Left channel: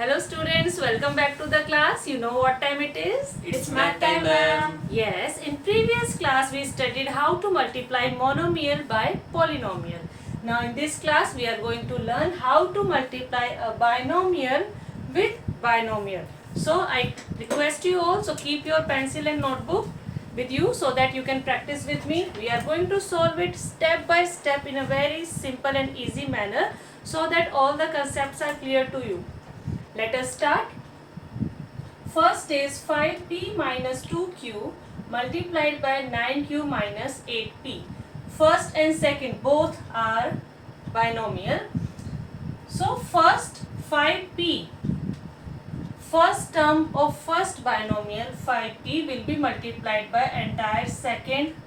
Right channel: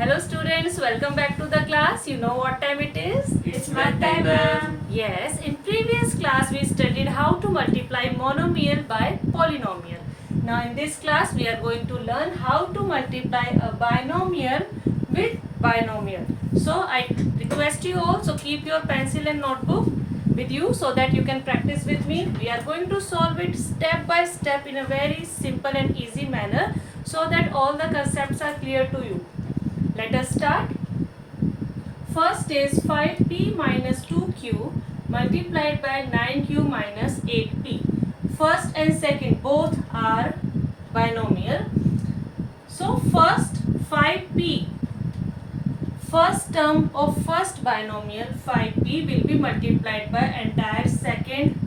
Hello students, welcome back to the class. You know what time it is? It's math time, ma'am. Yes, in previous class we studied how to multiply monomial by polynomial. Now in this class we are going to learn how to multiply a binomial with binomial. So I request you all, so keep your pencil and notebook with you so that you can practice with me. We are going to solve it step by step in a very simple and easy manner so that all the concepts are clear to you. Let us start. First is 5p minus 2q multiplied by 9q minus 8p. First and second both are binomial. So first 5p, first term of first binomial 5p will be multiplied by entire second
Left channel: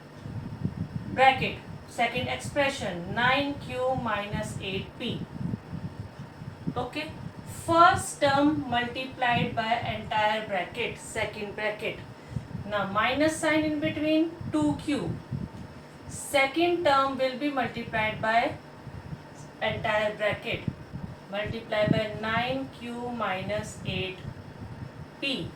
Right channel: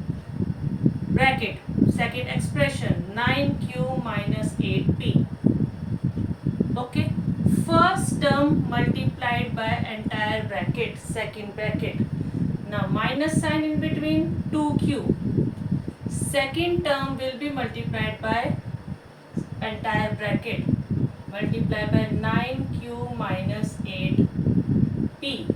bracket, second expression 9q minus 8p. Okay. First term multiplied by entire bracket, second bracket. Now minus sign in between 2q. Second term will be multiplied by entire bracket, multiplied by 9q minus 8p.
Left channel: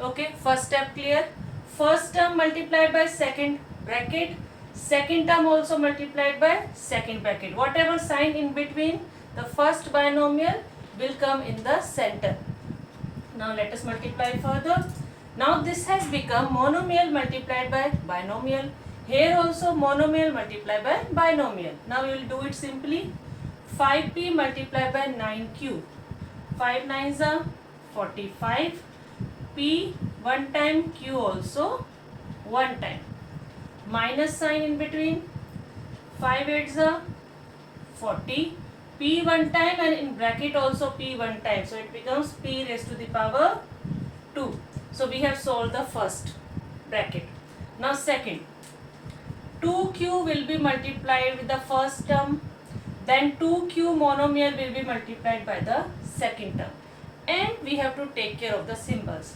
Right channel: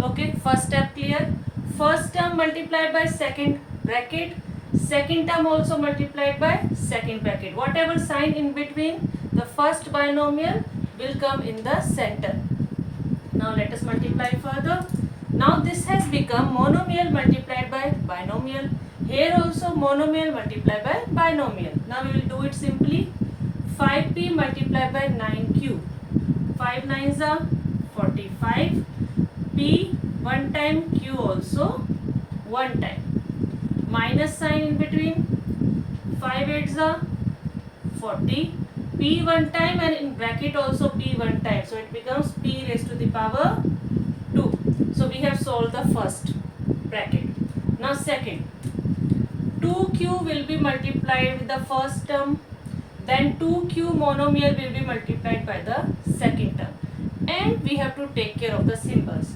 Okay, first step clear. First term multiplied by second bracket, second term also multiplied by second bracket. Whatever sign in between the first binomial will come in the center. Now let us multiply further. Now this has become monomial multiplied by binomial. Here also monomial multiplied by binomial. Now we will do it simply. 5p multiplied by 9q. 5 9s are 45. P one time, q also one time. Minus sign in between. 5 8s are 40. P one time and in bracket also P one time. So it becomes P raised to the power 2. So we have solved the first bracket. Now second. 2q will be multiplied with the first term. Then 2q monomial will be multiplied by the second term. And we have to take care of the symbols.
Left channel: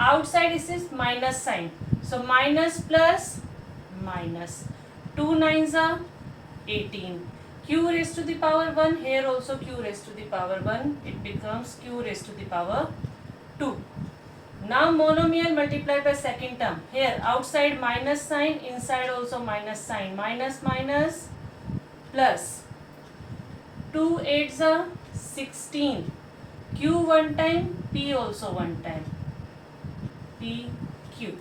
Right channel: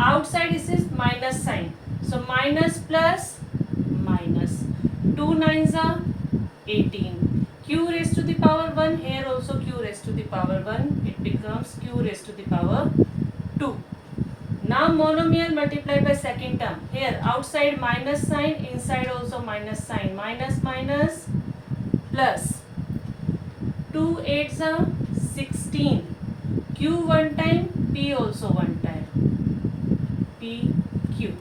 Outside this is minus sign. So minus plus minus. 2 9s are 18. Q raised to the power 1, here also q raised to the power 1, it becomes q raised to the power 2. Now monomial multiplied by second term. Here outside minus sign, inside also minus sign. Minus minus plus. 2 8s are 16. Q one time, P also one time. P, Q.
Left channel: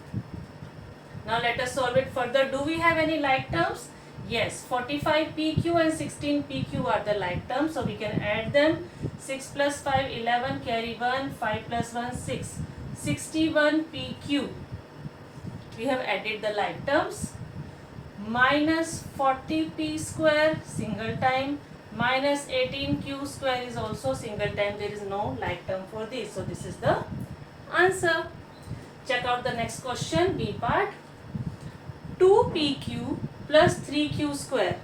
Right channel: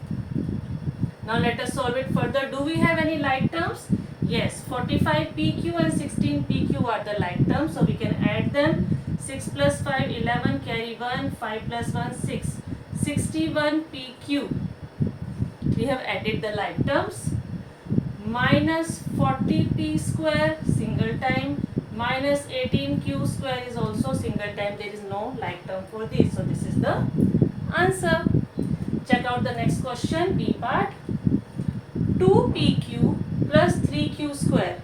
Now let us solve it further. Do we have any like terms? Yes, 45 PQ and 16 PQ are the like terms. So we can add them. 6 plus 5, 11, carry 1, 5 plus 1, 6. 61 PQ. We have added the like terms. Minus 40 P square, single time. Minus 18 Q square is also single time. There is no like term for this. So this is the answer. Check out the next question, B part. 2PQ plus 3q square.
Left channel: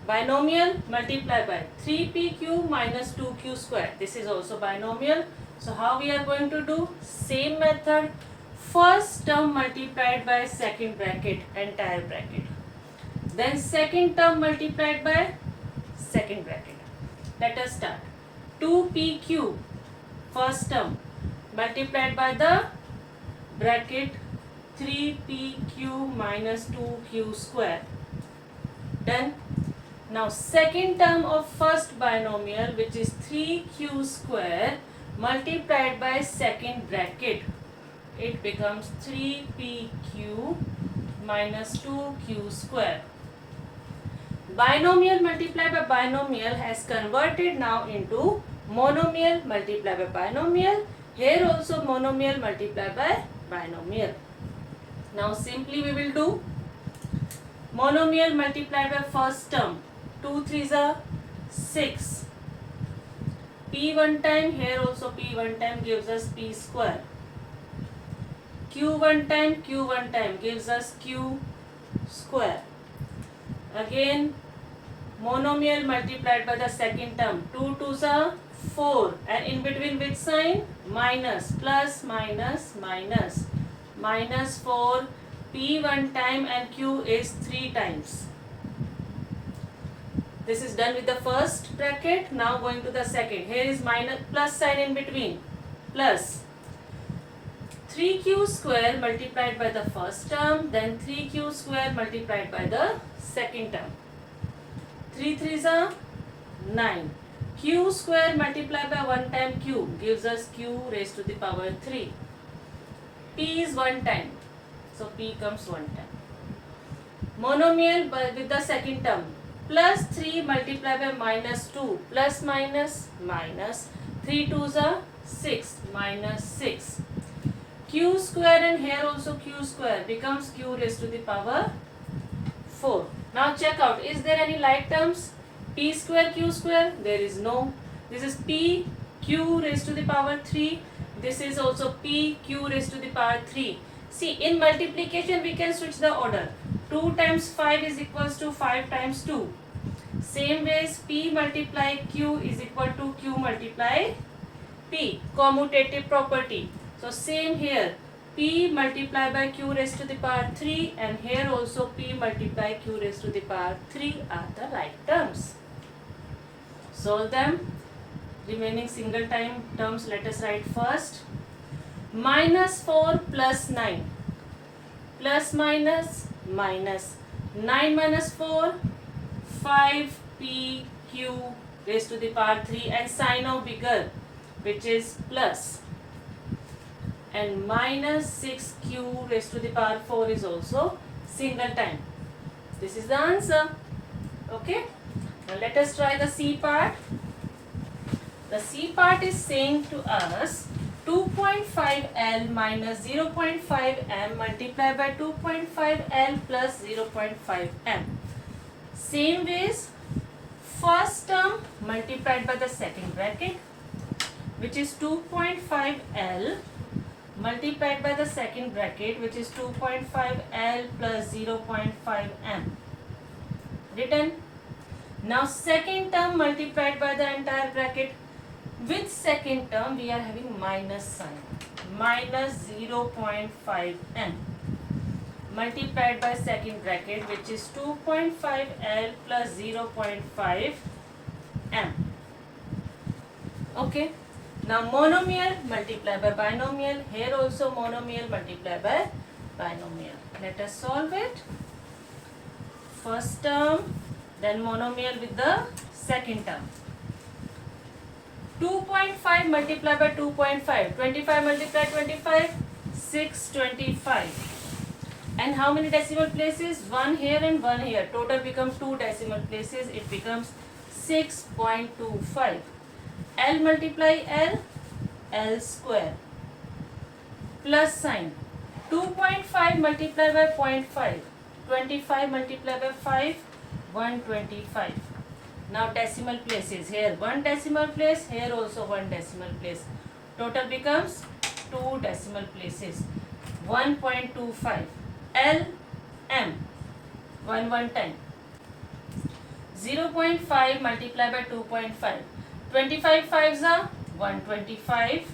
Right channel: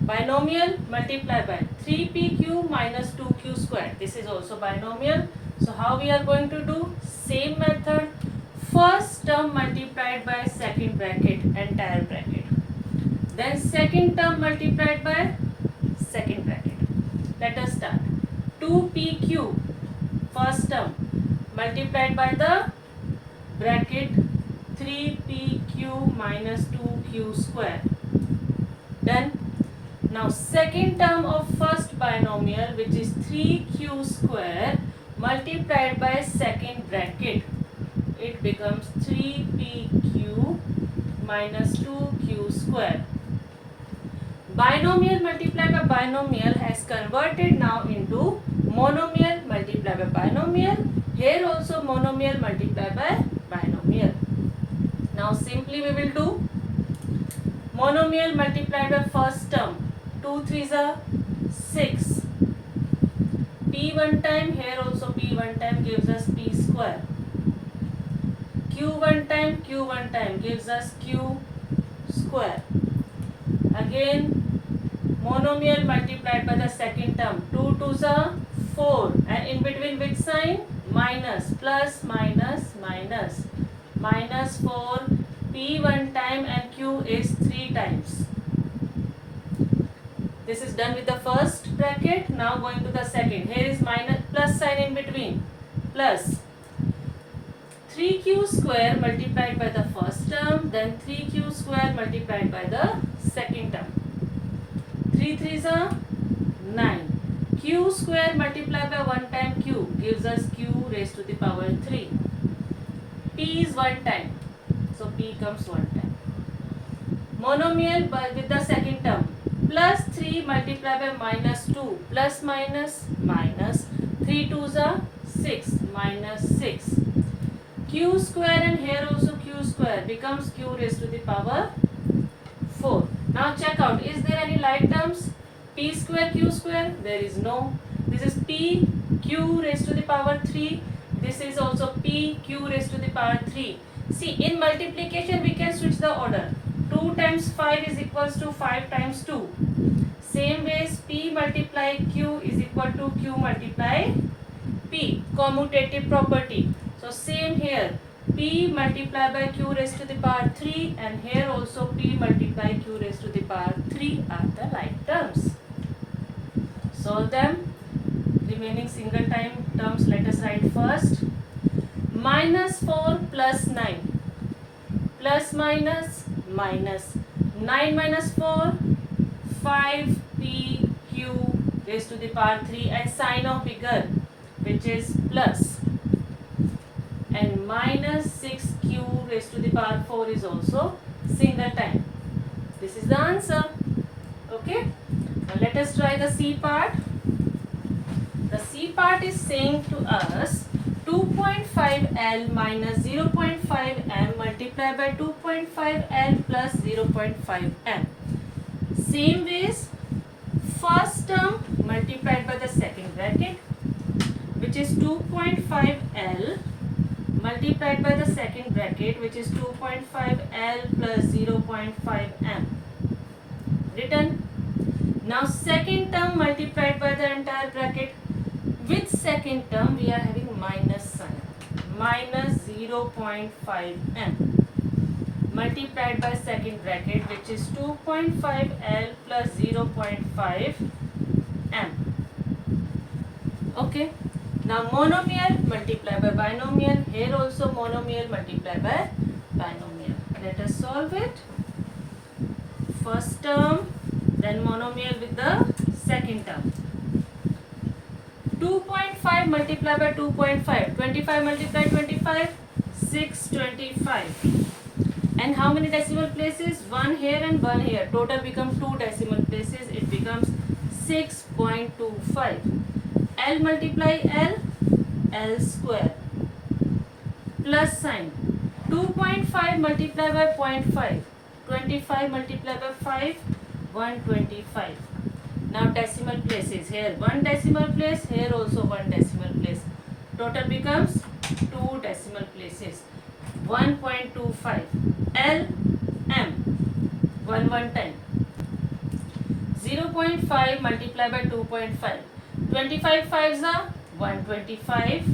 Binomial multiplied by 3pq minus 2q square. This is also binomial. So how we are going to do? Same method. First term multiplied by second bracket, entire bracket. Then second term multiplied by second bracket. Let us start. 2pq, first term, multiplied by the bracket 3pq minus 2q square. Done. Now second term of first binomial, which is 3q square multiplied by second bracket. It becomes 3pq minus 2q square. Binomial multiplied by binomial has converted now into monomial multiplied by binomial. Here also monomial multiplied by binomial. Now simply we will do monomial multiplied by first term. 2 3s are 6. P one time, here also P one time gives us P square. Q one time gives us Q square. Again monomial multiplied by the second term. 2 2s are 4 and in between which sign? Minus, plus, minus, minus. Minus 4, P one time and Q is 3 times. This is done with the first bracket. Now going to the second. Here is minus plus sign in between. Plus 3q square multiplied by the first term, then 3q square multiplied by the second term. 3 3s are 9. Q square multiplied by 1 time q gives us q raised to the power 3. P is 1 time, so P comes 1 time. Monomial with the second term. Plus 3 multiplied by minus 2. Plus minus minus. 3 2s are 6 minus 6. Q square and here also q square becomes q raised to the power 4. Now check out, is there any like terms? P square q square? There is no. This is P q raised to the power 3. This is also P q raised to the power 3. See, in multiplication we can switch the order. 2 times 5 is equals to 5 times 2. Same ways P multiply Q is equal to Q multiply P. Commutative property. So same here. P multiplied by Q raised to the power 3 and here also P multiply Q raised to the power 3 are the like terms. Solve them. Remaining single time terms let us write first. Minus 4 plus 9. Plus minus minus. 9 minus 4. 5pq raised to the power 3 and sign of bigger which is plus. And minus 6q raised to the power 4 is also single time. This is the answer. Okay. Now let us try the C part. The C part is saying to us 2.5L minus 0.5M multiplied by 2.5L plus 0.5M. Same ways, first term multiplied by the second bracket which is 2.5L multiplied by the second bracket which is 2.5L plus 0.5M. Written. Now second term multiplied by the entire bracket. With second term we are having minus sign. Minus 0.5M multiplied by second bracket which is 2.5L plus 0.5M. Okay. Now monomial multiplied by binomial. Here also monomial multiplied by binomial. Let us solve it. First term, then monomial with the second term. 2.5 multiplied by 2.5. 25 multiplied 25. 625. And how many decimal places? 1 here and 1 here. Total becomes 2 decimal places. It becomes 6.25. L multiply L. L square. Plus sign. 2.5 multiplied by 0.5. 25 multiplied by 5. 125. Now decimal places. Here 1 decimal place. Here also 1 decimal place. Total becomes 2 decimal places. 1.25. L M 1 time. 0.5 multiplied by 2.5. 25 5s are 125.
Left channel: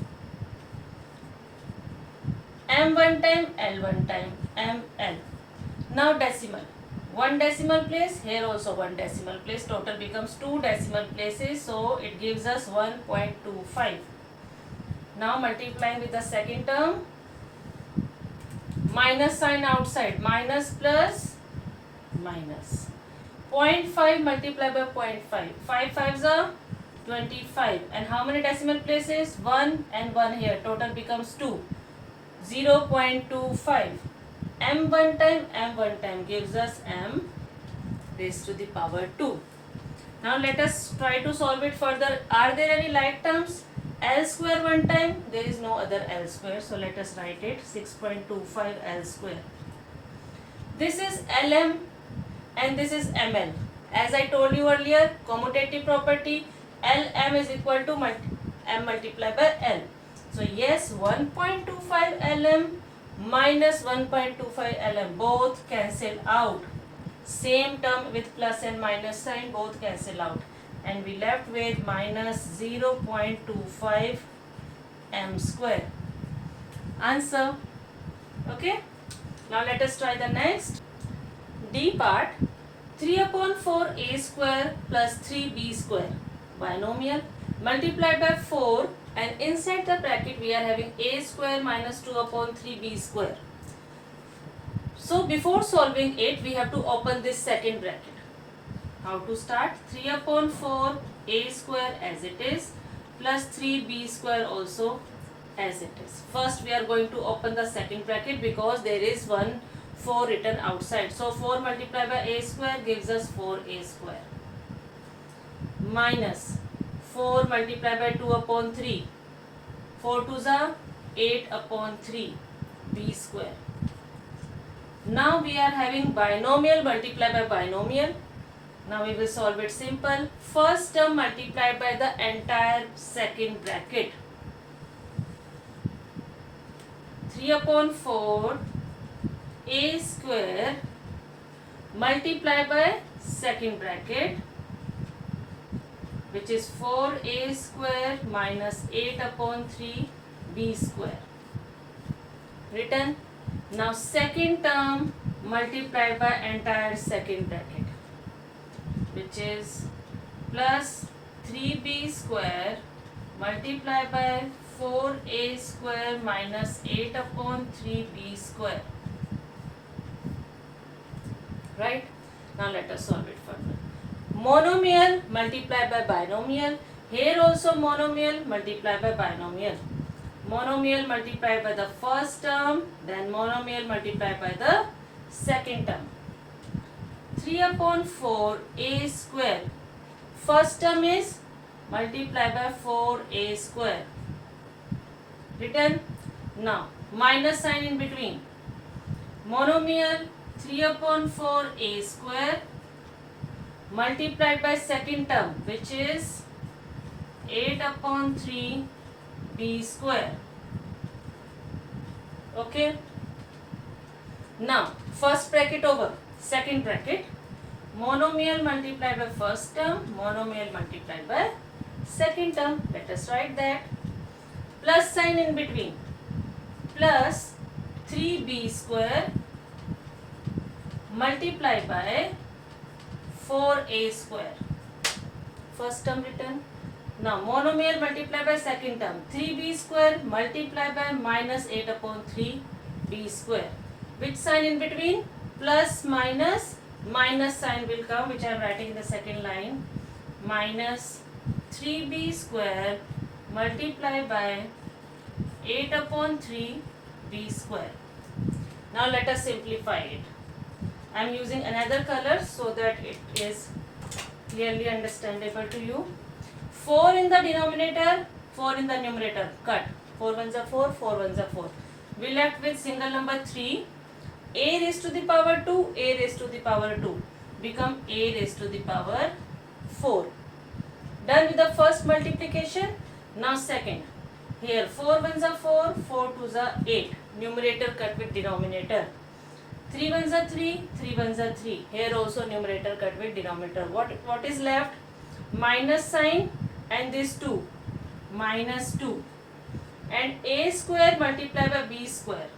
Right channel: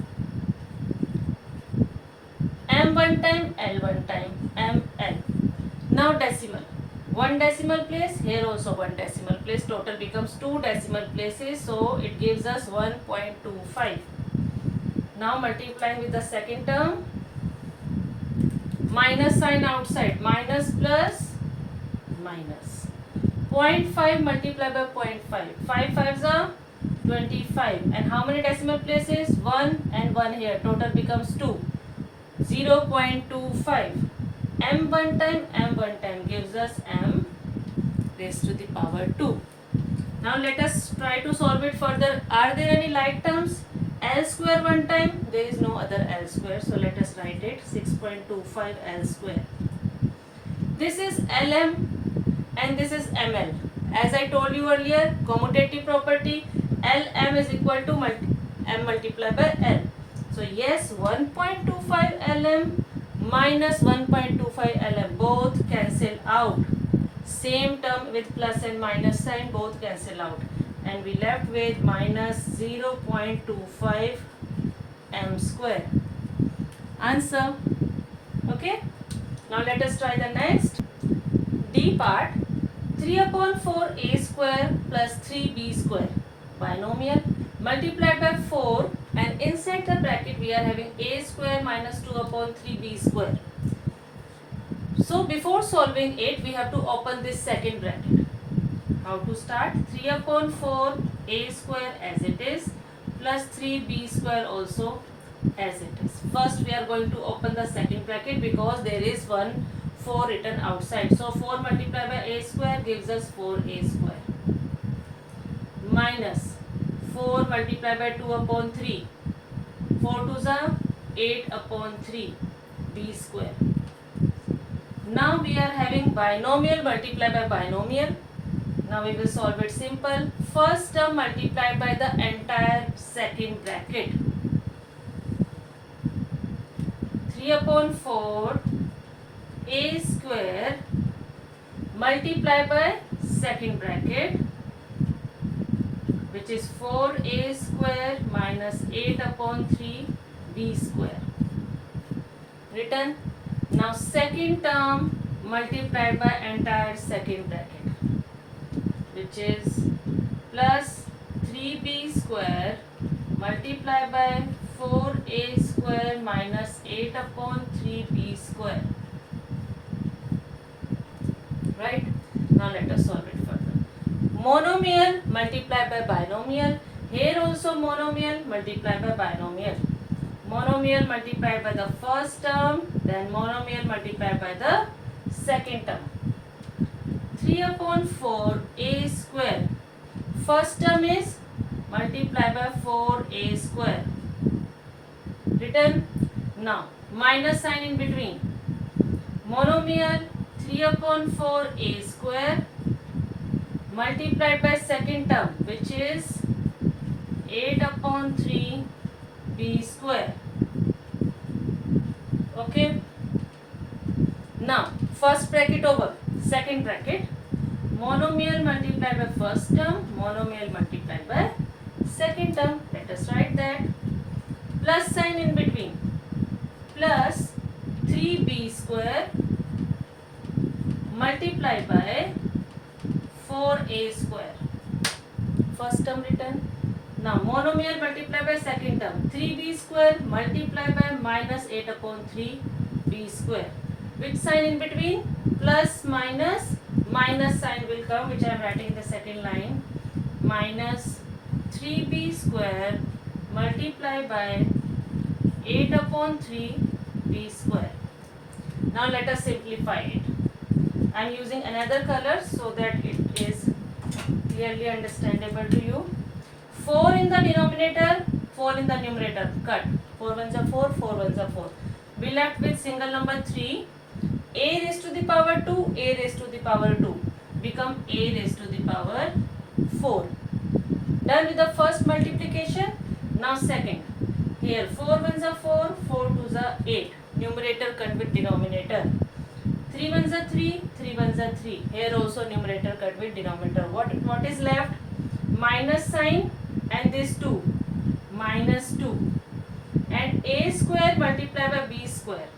M 1 time, L 1 time, M L. Now decimal. 1 decimal place, here also 1 decimal place. Total becomes 2 decimal places, so it gives us 1.25. Now multiplying with the second term. Minus sign outside. Minus plus minus. 0.5 multiplied by 0.5. 5 5s are 25. And how many decimal places? 1 and 1 here. Total becomes 2. 0.25. M 1 time, M 1 time gives us M raised to the power 2. Now let us try to solve it further. Are there any like terms? L square 1 time, there is no other L square. So let us write it 6.25 L square. This is LM and this is ML. As I told you earlier, commutative property, LM is equal to M multiplied by L. So yes, 1.25 LM minus 1.25 LM both cancel out. Same term with plus and minus sign both cancel out. And we left with minus 0.25 M square. Answer. Okay. Now let us try the next. D part. 3 upon 4 a square plus 3b square binomial multiplied by 4, and inside the bracket we are having a square minus 2 upon 3b square. So before solving it, we have to open this second bracket. How to start? 3 upon 4 a square as it is plus 3b square also as it is. First we are going to open the second bracket because there is one 4 written outside. So 4 multiplied by a square gives us 4a square minus 4 multiplied by 2 upon 3. 4 2s are 8 upon 3 b square. Now we are having binomial multiplied by binomial. Now we will solve it simple. First term multiplied by the entire second bracket. 3 upon 4 a square multiplied by second bracket, which is 4a square minus 8 upon 3 b square. Written. Now second term multiplied by entire second bracket, which is plus 3b square multiplied by 4a square minus 8 upon 3b square. Right? Now let us solve it further. Monomial multiplied by binomial. Here also monomial multiplied by binomial. Monomial multiplied by the first term, then monomial multiplied by the second term. 3 upon 4 a square. First term is multiplied by 4a square. Written. Now minus sign in between. Monomial 3 upon 4 a square multiplied by second term, which is 8 upon 3 b square. Okay. Now first bracket over, second bracket. Monomial multiplied by first term, monomial multiplied by second term. Let us write that. Plus sign in between. Plus 3b square multiplied by 4a square. First term written. Now monomial multiplied by second term. 3b square multiplied by minus 8 upon 3b square. Which sign in between? Plus minus. Minus sign will come, which I am writing in the second line. Minus 3b square multiplied by 8 upon 3b square. Now let us simplify it. I am using another color so that it is clearly understandable to you. 4 in the denominator, 4 in the numerator. Cut. 4 ones are 4, 4 ones are 4. We left with single number 3. A raised to the power 2, a raised to the power 2. Become a raised to the power 4. Done with the first multiplication. Now second. Here 4 ones are 4, 4 twos are 8. Numerator cut with denominator. 3 ones are 3, 3 ones are 3. Here also numerator cut with denominator. What is left? Minus sign and this 2. Minus 2. And a square multiplied by b square.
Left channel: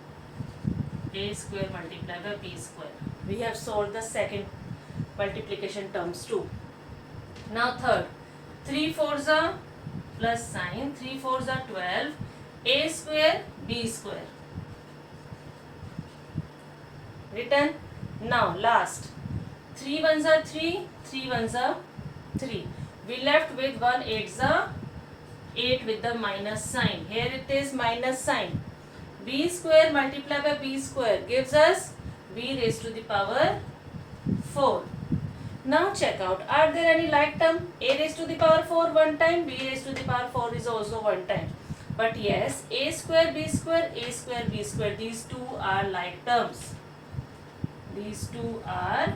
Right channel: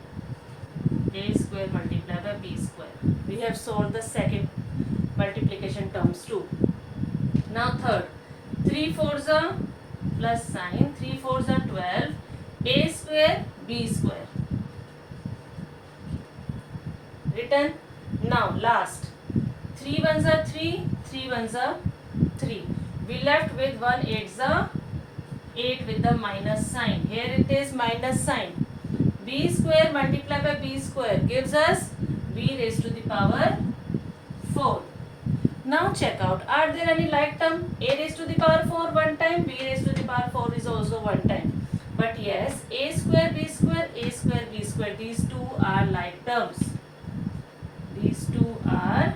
A square multiplied by b square. We have solved the second multiplication terms too. Now third. 3 fours are plus sign. 3 fours are 12. A square b square. Written. Now last. 3 ones are 3. 3 ones are 3. We left with 1 8s are 8 with the minus sign. Here it is minus sign. B square multiplied by b square gives us b raised to the power 4. Now check out. Are there any like term? A raised to the power 4 one time. B raised to the power 4 is also one time. But yes, a square b square, a square b square. These two are like terms. These two are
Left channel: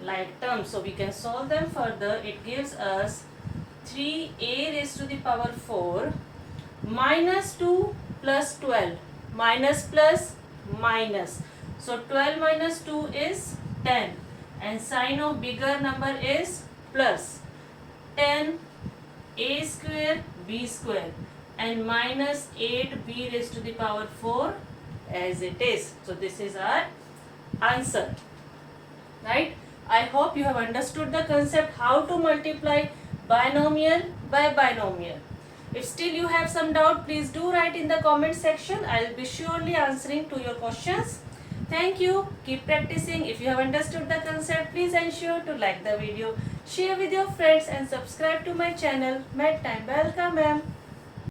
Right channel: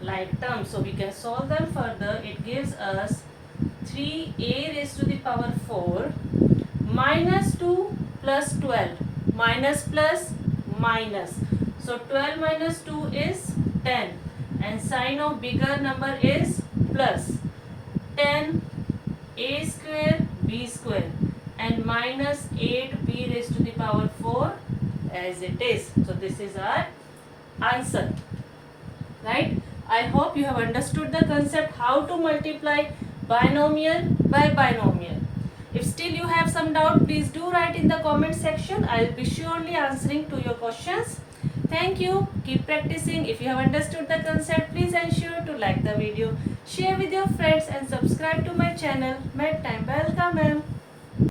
like terms. So we can solve them further. It gives us 3a raised to the power 4 minus 2 plus 12. Minus plus minus. So 12 minus 2 is 10. And sign of bigger number is plus. 10 a square b square and minus 8b raised to the power 4 as it is. So this is our answer. Right? I hope you have understood the concept how to multiply binomial by binomial. If still you have some doubt, please do write in the comment section. I will be surely answering to your questions. Thank you. Keep practicing. If you have understood the concept, please ensure to like the video, share with your friends and subscribe to my channel. Math Time. Welcome, ma'am.